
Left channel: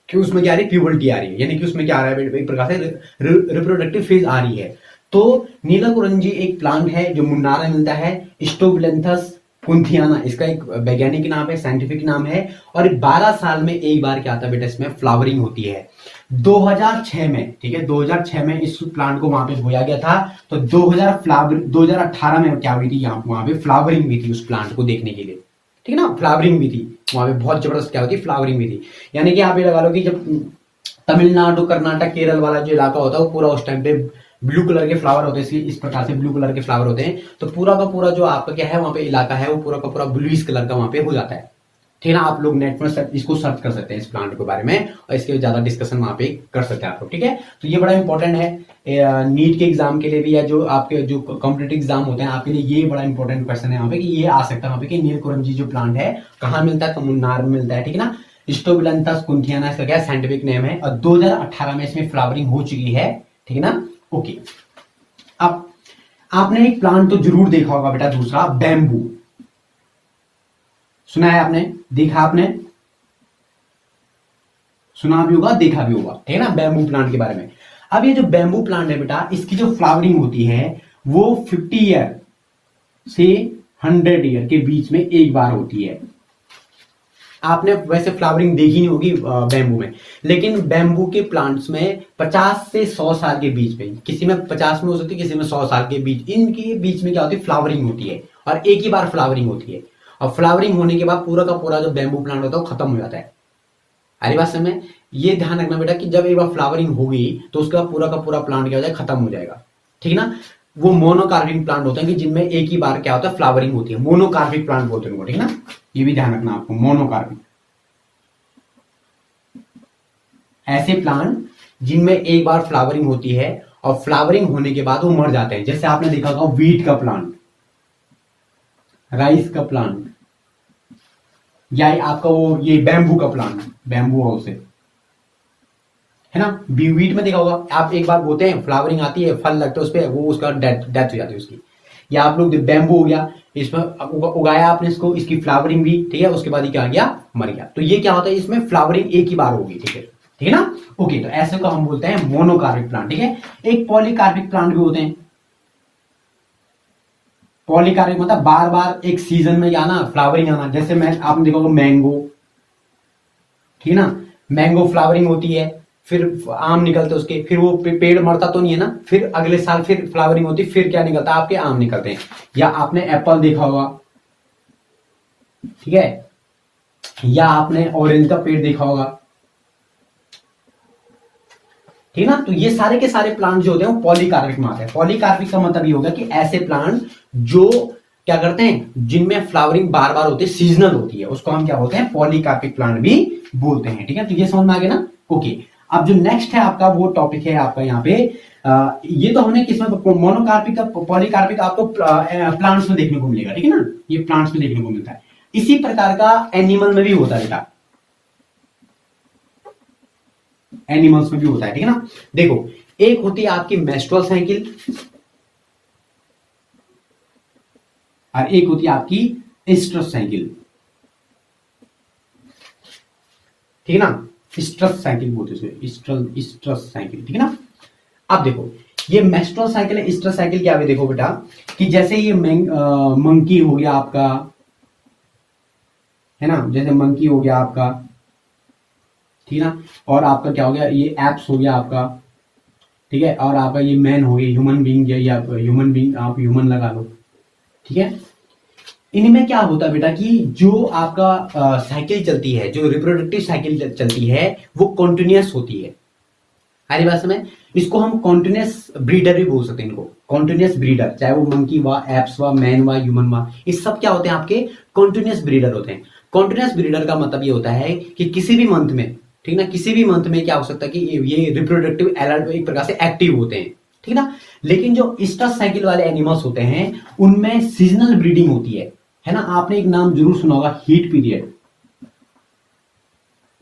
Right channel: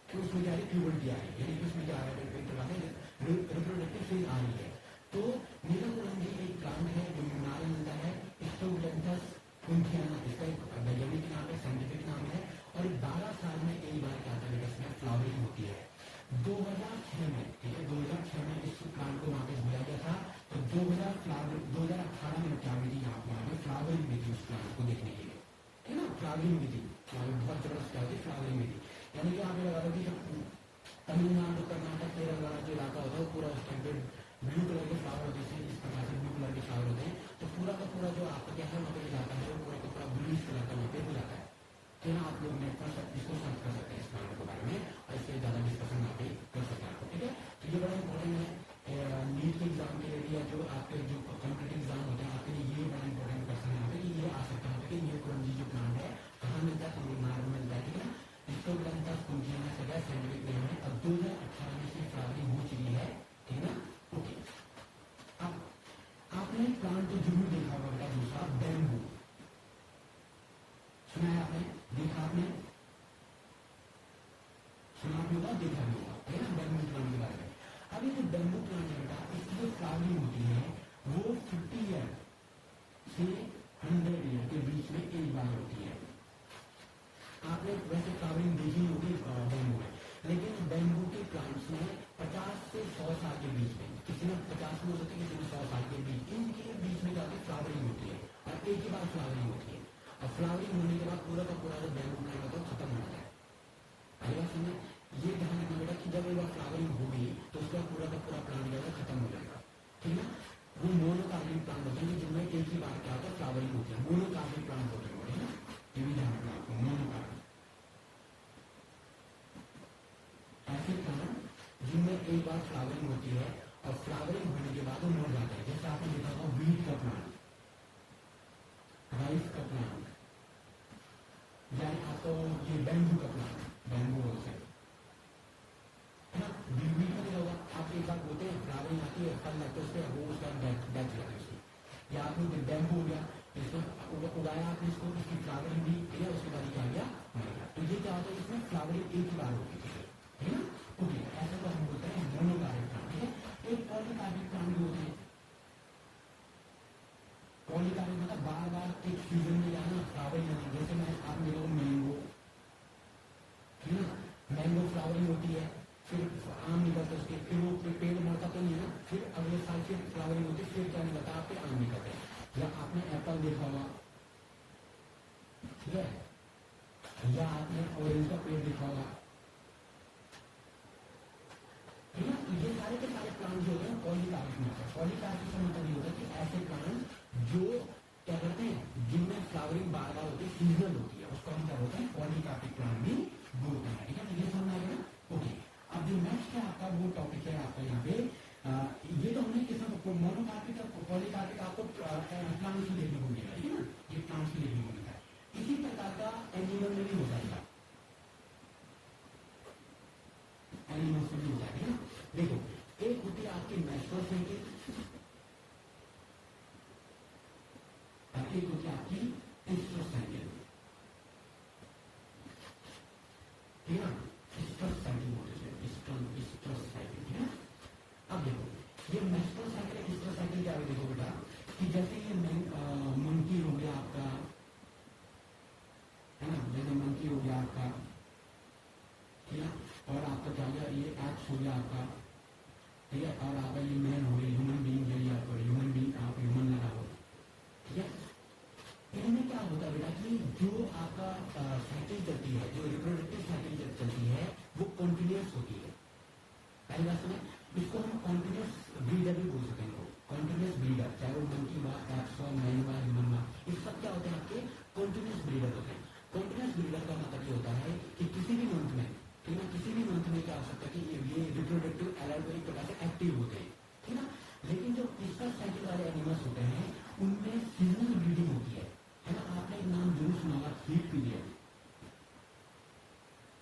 कि उसमें क्या आ रही है प्यूबर्टी आ रही है, यानी कि उसमें क्या आ रहा है एक प्रकार से रिप्रोडक्टिव फेज आ रही है। तो नीला कुरंजी एक प्लांट है जो मुन्नार में मिलता है, स्टोबलेंथस कुंथियाना इसका एक वैज्ञानिक नाम है, साइंटिफिक नाम है, और 12 साल में एक बार क्या आता है बेटा इसमें फ्लावरिंग होती है। 2006 में, ठीक है, 2006 में इस प्लांट को वहां पे बोया गया था, तो 2018 में क्या हुई थी वहां पे फ्लावरिंग भी थी उस प्लांट को देखने के लिए, ठीक है ना, फ्लावरिंग भी थी वहां पे, बहुत जबरदस्त क्या होती फ्लावरिंग भी थी। यानी कि आप ये लगा लो कि जब तमिलनाडु कर्नाटक केरल वाला जो इलाका होता है वो पूरा उस टाइम पे ब्लू कलर के फ्लावर होते हैं, इस प्रकार से ब्लू कलर के फ्लावर होते हैं, तो पूरा का पूरा जो आपका क्या है वहां पे इलाका है वो पूरा का पूरा ब्लूइश कलर का वहां पे हो जाता है, ठीक है ना। आप लोग नेट पर इसको सर्च कर सकते हैं इस प्लांट के बारे में, और इसके ज्यादा डिस्कशन वहां पे कर सकते हैं आप लोग, ठीक है। तो ये बड़ा इंपॉर्टेंट है नीट के एग्जाम के लिए भी, या जो आपके जो कॉम्पिटेटिव एग्जाम होते हैं आपके लिए ये बड़ा इंपॉर्टेंट क्वेश्चन है यहाँ पे कि ये आ सकता है वहां पे कि नीलकुरंजी जो प्लांट है कहाँ मिलता है, तो मुन्नार में मिलता है, ठीक है ना। स्टोबिलंथस कुंथियाना इसका क्या साइंटिफिक नेम है, और 2018 में इसमें फ्लावरिंग हो चुकी है, ठीक है ना। ओके, अब आपने एक प्लांट तो जरूर देखा होगा बेटा, दूसरा बैम्बू, सुना है आपने, देखा आपने, सुना भी होगा देखा भी होगा, ठीक है ना, बैम्बू प्लांट के बारे में। अब ये जो बैम्बू प्लांट है बेटा इसकी जो फ्लावरिंग होती है वो 50 ईयर से 100 ईयर के बीच में एक बार होती है, आपने वैसे फ्लावरिंग देखी नहीं होगी बैम्बू में, लेकिन बैम्बू के प्लांट्स में 50 से 100 साल के बीच में, किसी में 50 में हो सकती है, किसी में 100 साल के बीच, इनके बीच में क्या होती है, फ्लावरिंग होती है, और एक ही बार फ्लावरिंग होती है। और फ्लावरिंग होने के बाद पूरा का पूरा जो बैम्बू प्लांट होता है वो खत्म हो जाता है। अरे बात समय ये ध्यान रखना बेटा कि जब एक बार फ्लावरिंग होगी तो उसके बाद पूरा का पूरा प्लांट क्या हो जाएगा, खत्म हो जाएगा, ठीक ना। वो मोनोकार्पिक प्लांट होते हैं कि जिनमें एक ही बार क्या होता है, फ्लावरिंग होती है, मोनोकार्पिक प्लांट बोलते हैं उनको, ठीक ना। ये भी ध्यान रखना आपको, मोनोकार्पिक ऐसे प्लांट जिनमें एक बार फ्लावरिंग होती है और फ्लावरिंग होने के बाद वो मर जाते हैं। जैसे आपने देखा होगा वीट का प्लांट, राइस का प्लांट, या आपका वो ये बैम्बू का प्लांट, बैम्बू हाउस है ना। वीट में देखा होगा आप, एक बार बोते हैं, फ्लावरिंग आती है, फल लगते हैं उस पर, वो उसका डेथ हो जाती है उसकी। या आप लोग बैम्बू हो गया, इसमें उगाया आपने इसको, इसकी फ्लावरिंग भी, ठीक है, उसके बाद ही क्या गया, मर गया। तो ये क्या होता है, इसमें फ्लावरिंग एक ही बार होगी, ठीक है ना। ओके, तो ऐसे को हम बोलते हैं मोनोकार्पिक प्लांट, ठीक है। एक पॉलीकार्पिक प्लांट भी होते हैं। पॉलीकार्पिक मतलब बार बार एक सीजन में आना, फ्लावरिंग आना। जैसे मैं आपने देखा होगा मैंगो, ठीक है ना, मैंगो फ्लावरिंग होती है, फिर आम निकलते उसके, फिर वो पेड़ मरता तो नहीं है ना, फिर अगले साल फिर फ्लावरिंग होती, फिर क्या निकलता है, आपके आम निकलते हैं। या आपने एप्पल देखा होगा, ठीक है, या आपने ऑरेंज का पेड़ देखा होगा, ठीक ना। तो ये सारे के सारे प्लांट जो होते हैं वो पॉलीकार्पिक में आते हैं। पॉलीकार्पिक का मतलब ये होगा कि ऐसे प्लांट जो क्या करते हैं, जिनमें फ्लावरिंग बार बार होती है, सीजनल होती है, उसको हम क्या बोलते हैं, पॉलीकार्पिक प्लांट भी बोलते हैं, ठीक है। तो ये समझ में आ गया ना। ओके, अब जो नेक्स्ट है आपका वो टॉपिक है आपका यहाँ पे, ये तो हमने किसमें, मोनोकार्पिक का, पॉलीकार्पिक आपको प्लांट्स में देखने को मिलेगा, ठीक है ना, ये प्लांट्स में देखने को मिलता है। इसी प्रकार का एनिमल में भी होता है बेटा, एनिमल्स में भी होता है, ठीक है ना। देखो, एक होती है आपकी मेस्ट्रुअल साइकिल, और एक होती है आपकी एस्ट्रस साइकिल, ठीक है ना। स्ट्रस साइकिल बोलते हैं इसमें, स्ट्रस साइकिल, ठीक है ना। अब देखो, ये मेस्ट्रुअल साइकिल है, स्ट्रस साइकिल क्या है, देखो बेटा कि जैसे ये मंकी हो गया आपका, है ना, जैसे मंकी हो गया आपका, ठीक है ना, और आपका क्या हो गया, ये एप्स हो गया आपका, ठीक है, और आपका ये मैन हो गया, ह्यूमन बीइंग, या ह्यूमन बीइंग, आप ह्यूमन लगा लो, ठीक है। इनमें क्या होता है बेटा कि जो आपका साइकिल चलती है, जो रिप्रोडक्टिव साइकिल चलती है, वो कॉन्टिन्यूअस होती है। हमारी बात में इसको हम कॉन्टिन्यूअस ब्रीडर भी बोल सकते हैं, इनको कॉन्टिन्यूअस ब्रीडर, चाहे वो मंकी हुआ, एप्स हुआ, मैन हुआ, ह्यूमन हुआ, ये सब क्या होते हैं, आपके कॉन्टिन्यूअस ब्रीडर होते हैं। कॉन्टिन्यूअस ब्रीडर का मतलब ये होता है कि किसी भी मंथ में, ठीक ना, किसी भी मंथ में क्या हो सकता है कि ये रिप्रोडक्टिव अलर्ट एक प्रकार से एक्टिव होते हैं, ठीक ना। लेकिन जो स्ट्रस साइकिल वाले एनिमल्स होते हैं उनमें सीजनल ब्रीडिंग होती है ना। आपने एक नाम जरूर सुना होगा, हीट पीरियड,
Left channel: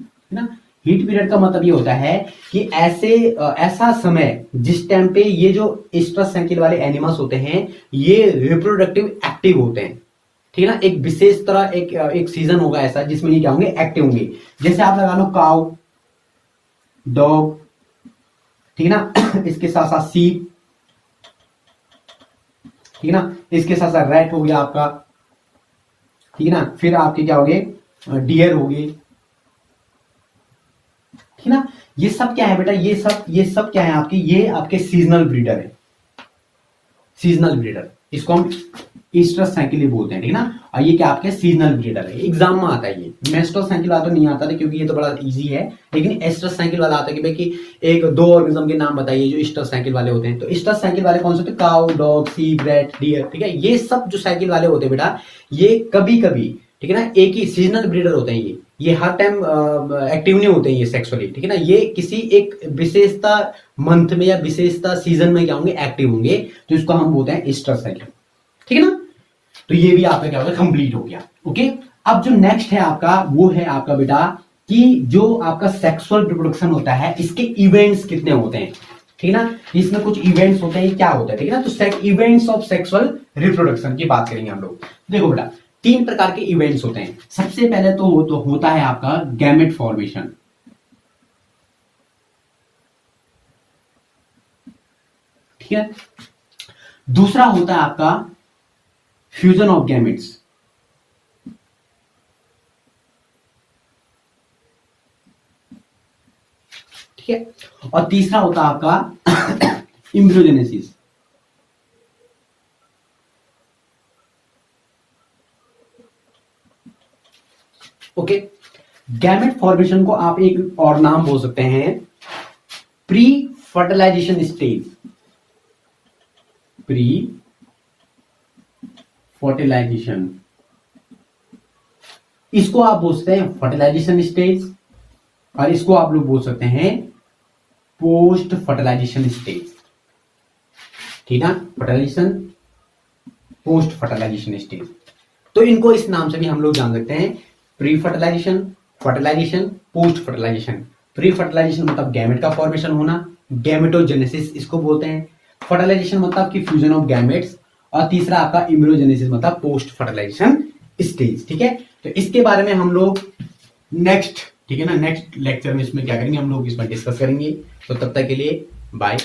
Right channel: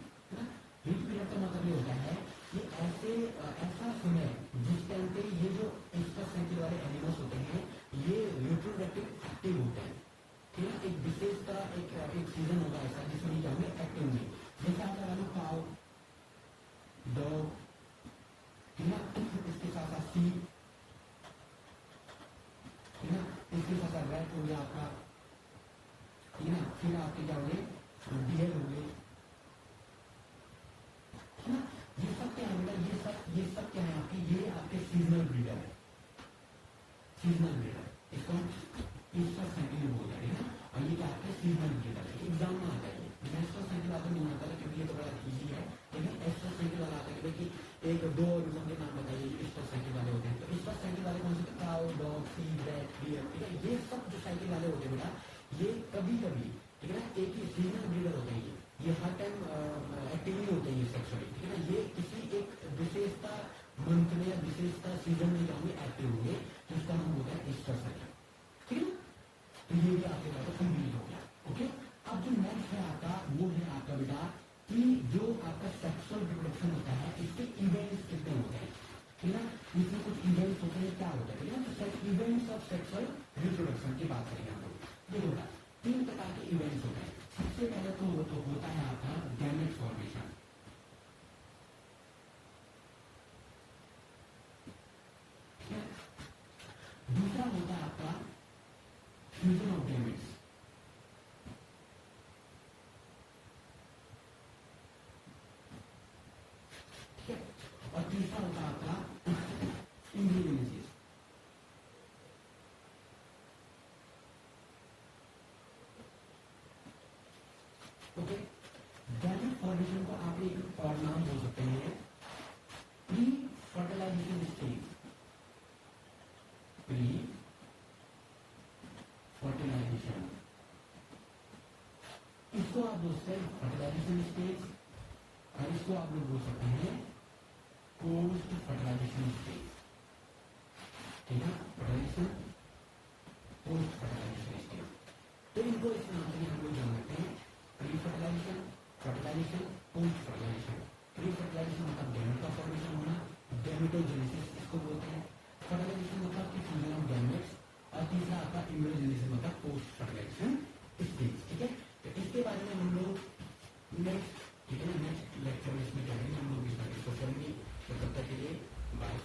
है ना। हीट पीरियड का मतलब ये होता है कि ऐसा समय जिस टाइम पे ये जो स्ट्रस साइकिल वाले एनिमल्स होते हैं ये रिप्रोडक्टिव एक्टिव होते हैं, ठीक है ना। एक विशेष तरह एक सीजन होगा ऐसा जिसमें ये क्या होंगे, एक्टिव होंगे। जैसे आप लगा लो काउ, डॉग, ठीक है ना, इसके साथ साथ सीप, ठीक है ना, इसके साथ साथ रैट हो गया आपका, ठीक है ना, फिर आपके क्या हो गए, डियर हो गए, ठीक है ना। ये सब क्या है बेटा, ये सब क्या है आपके, ये आपके सीजनल ब्रीडर है, सीजनल ब्रीडर, इसको हम ईस्टर साइकिल ही बोलते हैं, ठीक है ना। और ये क्या आपके सीजनल ब्रीडर है, एग्जाम में आता है। ये मेस्ट्रो साइकिल वाला तो नहीं आता था क्योंकि ये तो बड़ा इजी है, लेकिन एस्टर साइकिल वाला आता है कि भाई कि एक दो ऑर्गेनिज्म के नाम बताइए जो ईस्टर साइकिल वाले होते हैं। तो ईस्टर साइकिल वाले कौन से होते हैं, काउ, डॉग, सीप, रैट, डियर, ठीक है। ये सब जो साइकिल वाले होते हैं बेटा, ये कभी कभी, ठीक है ना, एक ही सीजनल ब्रीडर होते हैं। ये हर टाइम एक्टिव नहीं होते हैं ये सेक्सुअली, ठीक है ना। ये किसी एक विशेषता मंथ में या विशेषता सीजन में क्या होंगे, एक्टिव होंगे, तो इसको हम बोलते हैं ईस्टर साइकिल, ठीक है ना। तो ये भी आपका क्या होगा, कंप्लीट हो गया। ओके, अब जो नेक्स्ट है आपका वो है आपका बेटा कि जो आपका सेक्सुअल रिप्रोडक्शन होता है इसके इवेंट्स कितने होते हैं, ठीक है ना। इसमें कुछ इवेंट्स होते हैं, क्या होता है, ठीक है ना। तो इवेंट्स ऑफ सेक्सुअल रिप्रोडक्शन की बात करेंगे हम लोग। देखो बेटा, 3 प्रकार के इवेंट्स होते हैं। सबसे पहले तो होता है आपका गैमेट फॉर्मेशन, ठीक है। दूसरा होता है आपका फ्यूजन ऑफ गैमेट्स, ठीक है। और तीसरा होता है आपका एम्ब्रियोजेनेसिस। ओके, गैमेट फॉर्मेशन को आप एक और नाम बोल सकते हैं pre fertilisation stage. Pre fertilisation, इसको आप बोल सकते हैं फर्टिलाइजेशन स्टेज, और इसको आप लोग बोल सकते हैं पोस्ट फर्टिलाइजेशन स्टेज। ठीक है, फर्टिलाइजेशन, पोस्ट फर्टिलाइजेशन स्टेज। तो इनको इस नाम से भी हम लोग जान सकते हैं, pre fertilisation, fertilisation, post fertilisation. Pre fertilisation मतलब गैमेट का फॉर्मेशन होना, गैमेटोजेनेसिस इसको बोलते हैं। फर्टिलाइजेशन मतलब कि फ्यूजन ऑफ गैमेट्स, और तीसरा आपका इम्ब्रियोजेनेसिस मतलब पोस्ट फर्टिलाइजेशन स्टेज। ठीक है, तो इसके बारे में हम लोग नेक्स्ट, ठीक है ना, नेक्स्ट लेक्चर में इसमें क्या करेंगे हम लोग, इसमें डिस्कस करेंगे। तो तब तक के लिए बाय।